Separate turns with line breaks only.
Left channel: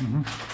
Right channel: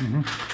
Mm-hmm.